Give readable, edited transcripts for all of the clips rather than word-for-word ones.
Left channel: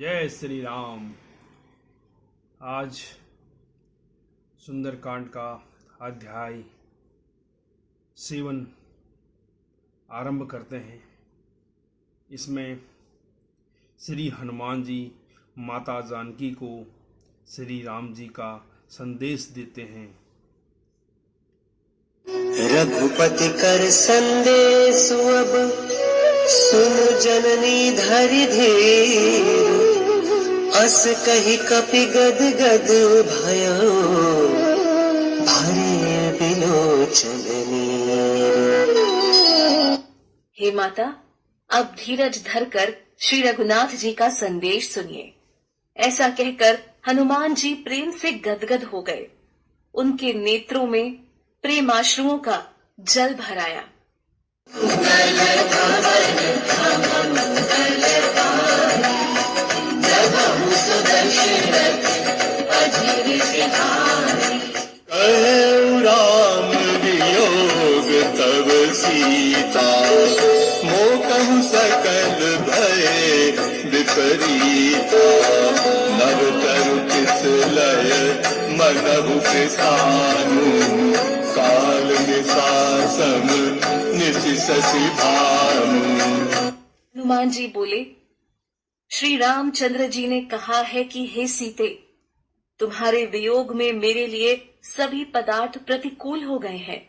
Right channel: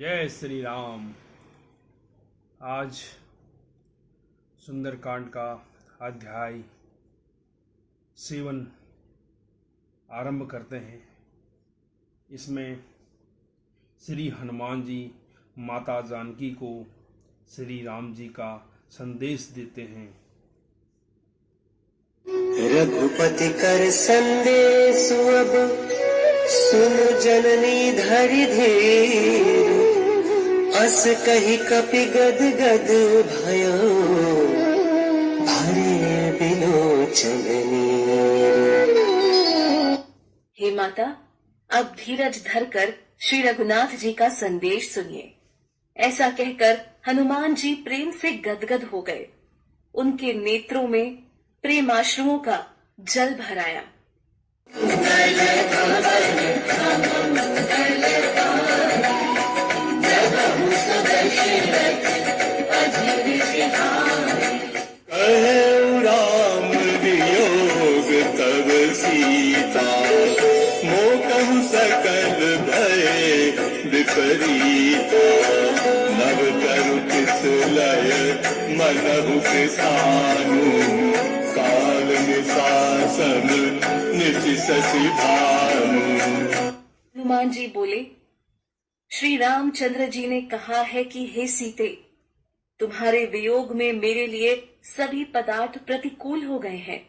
जय श्री राम। आज सुंदरकांड का अध्याय 7 आरंभ करते हैं। इसमें श्री हनुमान जी माता जानकी को श्री राम जी का संदेश देते हैं। रघुपति कर संदेश अब सुन जननी धरि धीर, अस कहि कपि गद गद भयो भरे बिलोचन नीर। हे माता, अब धीरज धरकर श्री रघुनाथ जी का संदेश सुनिए। ऐसा कहकर हनुमान जी प्रेम से गदगद हो गए। उनके नेत्रों में प्रेमाश्रुओं का जल भर आया। राम वियोग तब सीता, मोकहु सकल भय विपरीता। नव तरु तिस लय मनहु किसानु, काल निशासम निशि शशि भानु। हनुमान जी बोले, श्री रामचंद्र जी ने कहा है कि हे सीते, तुम्हारे वियोग में मेरे लिए सभी पदार्थ प्रतिकूल हो गए हैं।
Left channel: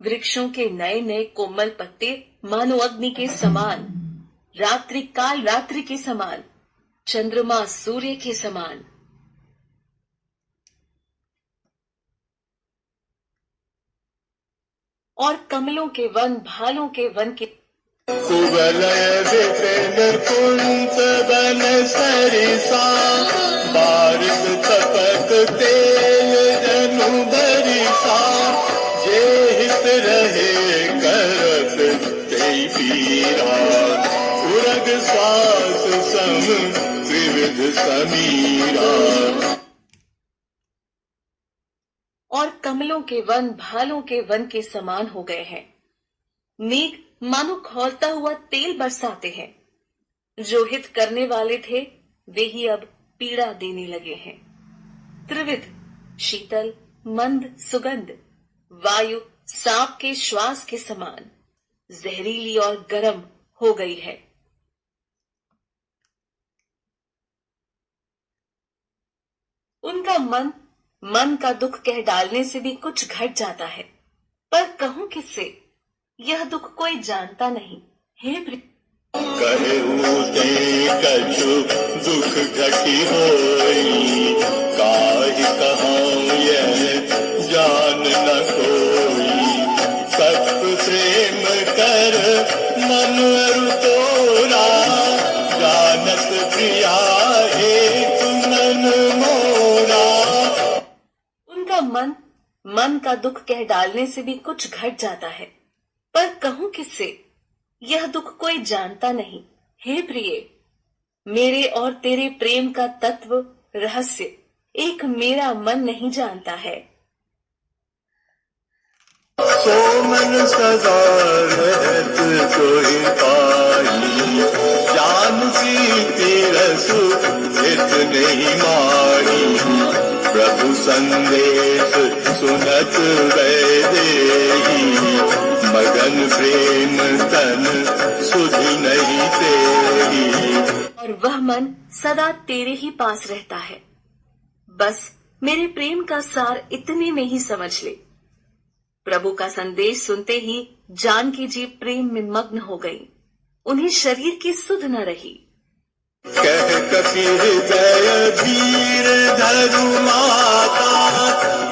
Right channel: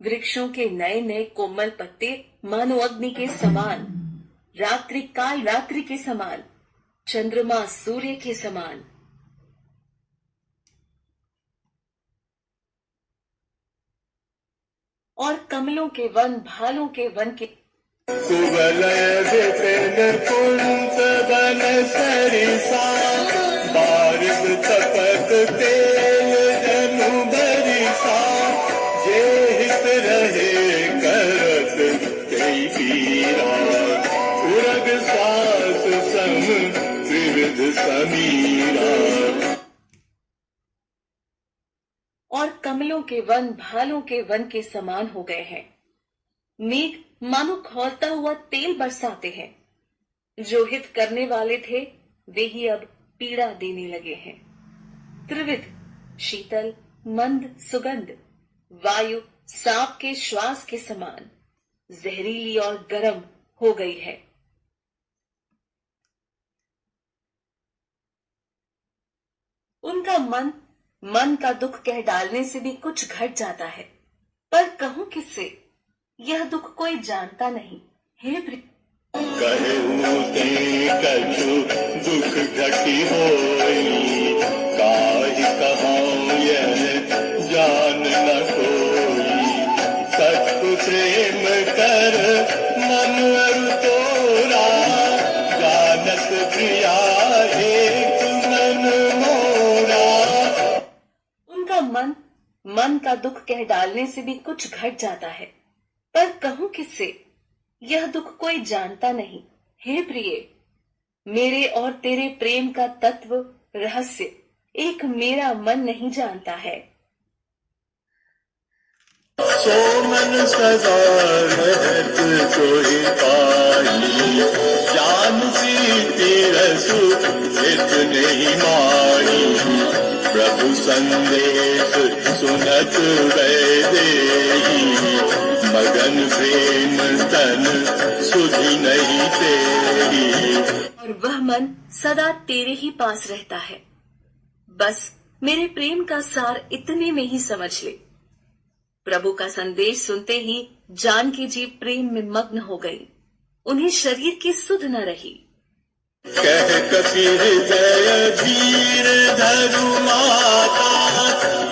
वृक्षों के नए नए कोमल पत्ते मानो अग्नि के समान, रात्रि काल रात्रि के समान, चंद्रमा सूर्य के समान। और कमलों के वन भालों के वन के कुवलय विपिन कुंत बन सरिसा, बारिश तपत तेल जनु बरिसा। जे हित रहे करत तेई पीरा, उरग सास सम त्रिविध समीरा। और कमलों के वन भालों के वन के समान हो गए हैं। मेघ मानो खौलता हुआ तेल बरसाते हैं। जो हित करने वाले थे वे ही अब पीड़ा देने लगे हैं। त्रिविध शीतल मंद सुगंध, वायु सांप के श्वास के समान जहरीली और गर्म हो गई है। उनका मन का दुख कह डालने से भी कुछ घट जाता है, पर कहूं किससे? यह दुख कोई जानता नहीं। हे कहते कछु दुख घटी होई, काहि कहूँ यह जान न कोई। सत्य प्रेम कर मन अरु तोरा, जानत प्रिया एक मन मोरा। उनका मन का दुख कह डालने से भी कुछ घट जाता है, पर कहूं किससे? यह दुख कोई जानता नहीं। हे प्रिय, मेरे और तेरे प्रेम का तत्व रहस्य एक मेरा मन नहीं जानता है। सो मन सदा रहत कोई पाई, जानकी तिरसु हित नहीं मारी। प्रभु संदेश सुनत वैदेही, मगन प्रेम तन सुधि नहीं तेरी। और वह मन सदा तेरे ही पास रहता है। बस मेरे प्रेम का सार इतने में ही समझ ले। प्रभु का संदेश सुनते ही जानकी जी प्रेम में मग्न हो गई। उन्हें शरीर की सुध न रही। कह कपि हृदय धीर धरु माता,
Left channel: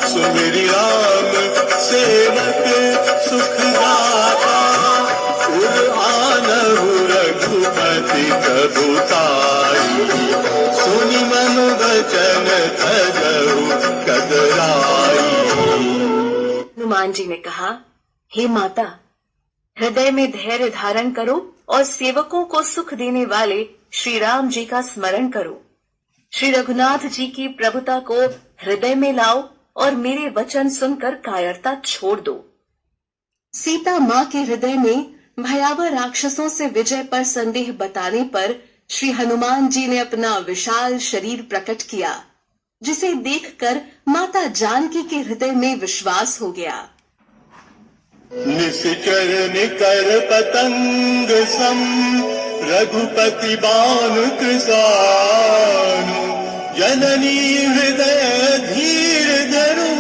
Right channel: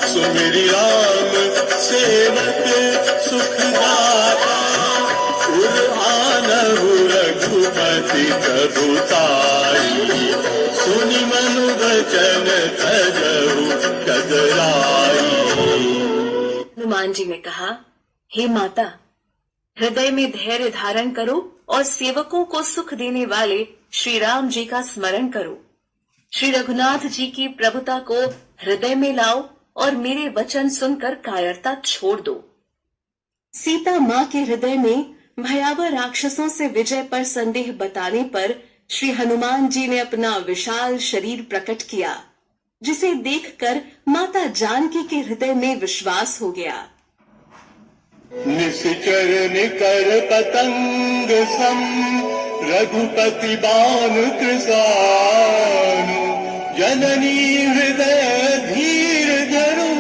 सुमिरि राम सेवक सुख दाता। उर आनहु रघुपति प्रभुताई, सुनि मन वचन तजहु कगराई। हनुमान जी ने कहा, हे माता, हृदय में धैर्य धारण करो और सेवकों को सुख देने वाले श्री राम जी का स्मरण करो। श्री रघुनाथ जी की प्रभुता को हृदय में लाओ और मेरे वचन सुनकर कायरता छोड़ दो। सीता माँ के हृदय में भयावह राक्षसों से विजय पर संदेह बताने पर श्री हनुमान जी ने अपना विशाल शरीर प्रकट किया, जिसे देखकर माता जानकी के हृदय में विश्वास हो गया। निश्चर निकर पतंग सम रघुपति बानु कृसानु जननी हृदय धीर धरु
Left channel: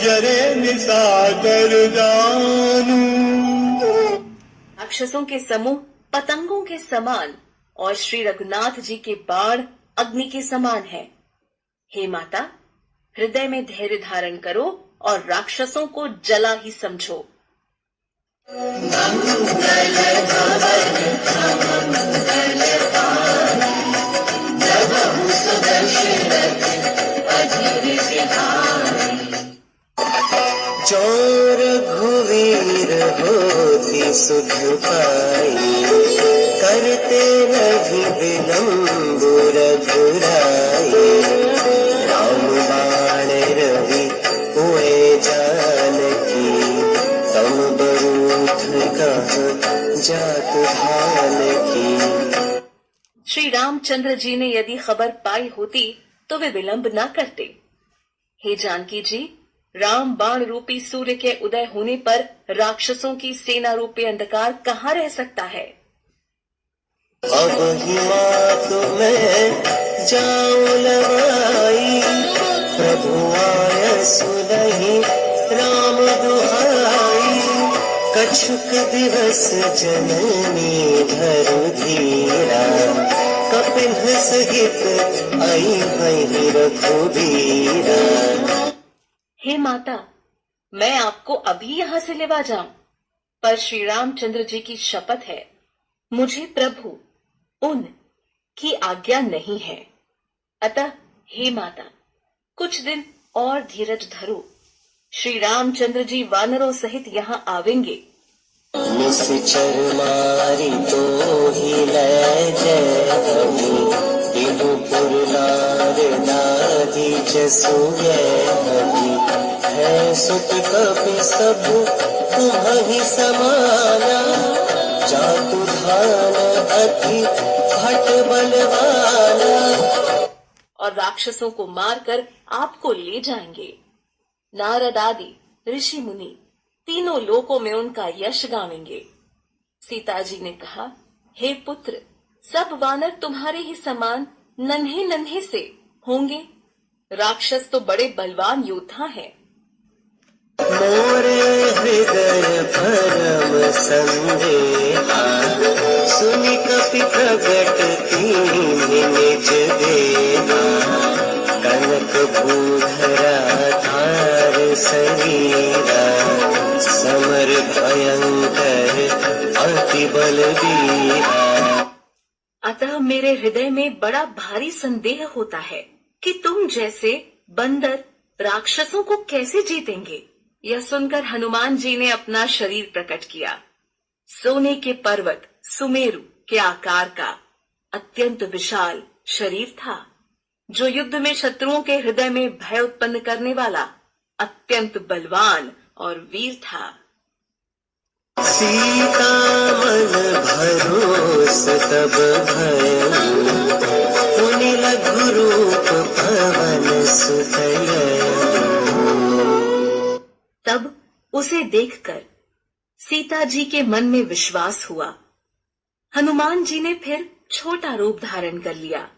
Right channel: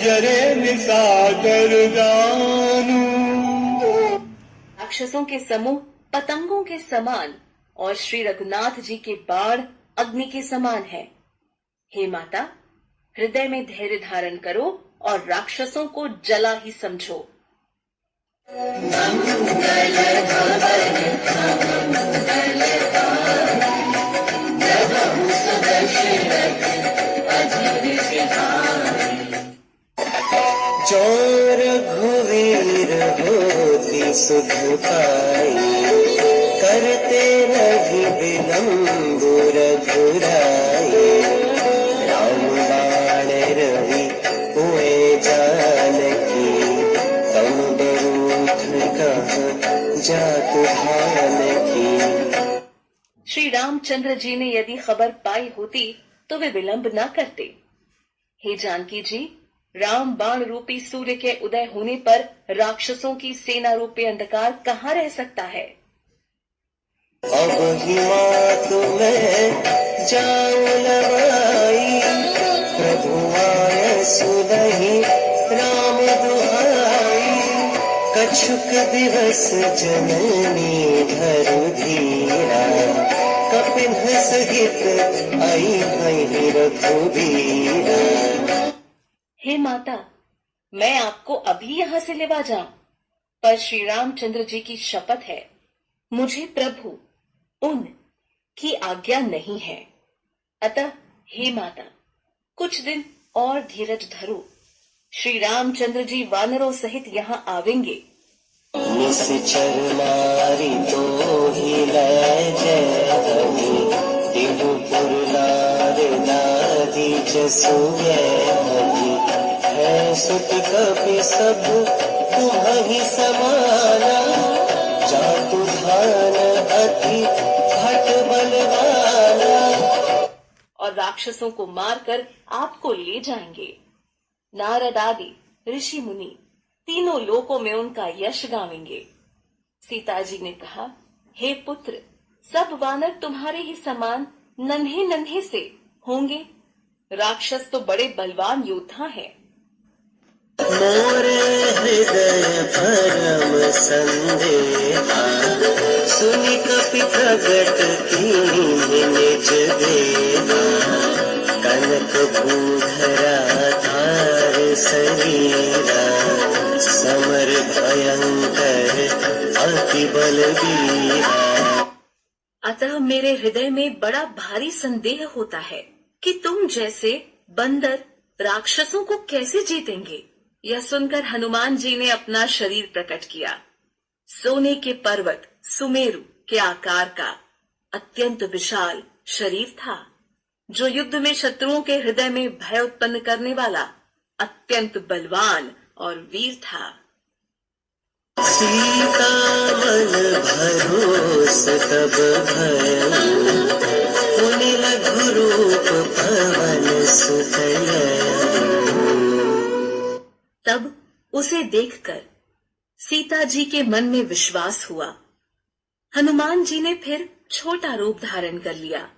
जरे निसाकर जानू। राक्षसों के समूह पतंगों के समान और श्री रघुनाथ जी के बाण अग्नि के समान है। हे माता, हृदय में धैर्य धारण करो और राक्षसों को जला ही समझो। चोर घुवीर होती सुध पाई करते नहीं विलम्ब रघुराई। राम बाण रवि हुए जानकी तम बरूथ कह जात भानकी। श्री रामचंद्र जी ने यदि खबर पाई होती तो वे विलंब न करते। हे जानकी जी, राम बाण रूपी सूर्य के उदय होने पर राक्षसों की सेना रूपी अंधकार कहाँ रह सकता है। अब ही मात में जाऊं लवाई प्रभु आय सुनहि राम दुहाई। कछुक दिवस जननी धरु धीरा कपिन सहित आई भई रघुबीरा। हे माता, मैं आपको अभी यहाँ से लेवा जाऊं, पर श्री रामचंद्र जी की शपथ है, मुझे प्रभु उन की आज्ञा नहीं है। अतः हे माता, कुछ दिन और धीरज धरो। श्री रामचंद्र जी वानरों सहित यहाँ आवेंगे। निश्चर मारी तो ही लय जय हमी तिहुपुर नार दादी जसुए हमी। है सुत कपि सब तुम्हि समाना जातु धान अति भट बलवाना। और राक्षसों को मारकर आपको ले जाएंगे। नारद आदि ऋषि मुनि तीनों लोकों में उनका यश गावेंगे। सीता जी ने कहा, हे पुत्र, सब वानर तुम्हारे ही समान नन्हे नन्हे से होंगे। राक्षस तो बड़े बलवान योद्धा हैं। मोरे हृदय परम संदेहा सुनि कपि प्रगट कीन्हि निज देहा। कनक भूधरा धार शरीरा समर भयंकर अति बलबीरा। अतः मेरे हृदय में बड़ा भारी संदेह होता है कि तुम जैसे बंदर राक्षसों को कैसे जीतेंगे। यह सुनकर हनुमान जी ने अपना शरीर प्रकट किया। सोने के पर्वत सुमेरु के आकार का अत्यंत विशाल शरीर था, जो युद्ध में शत्रुओं के हृदय में भय उत्पन्न करने वाला अत्यंत बलवान और वीर था। सीता मन भरोस तब भयउ पुनि लघु रूप पवन सुत गयउ। तब उसे देखकर सीता जी के मन में विश्वास हुआ। हनुमान जी ने फिर छोटा रूप धारण कर लिया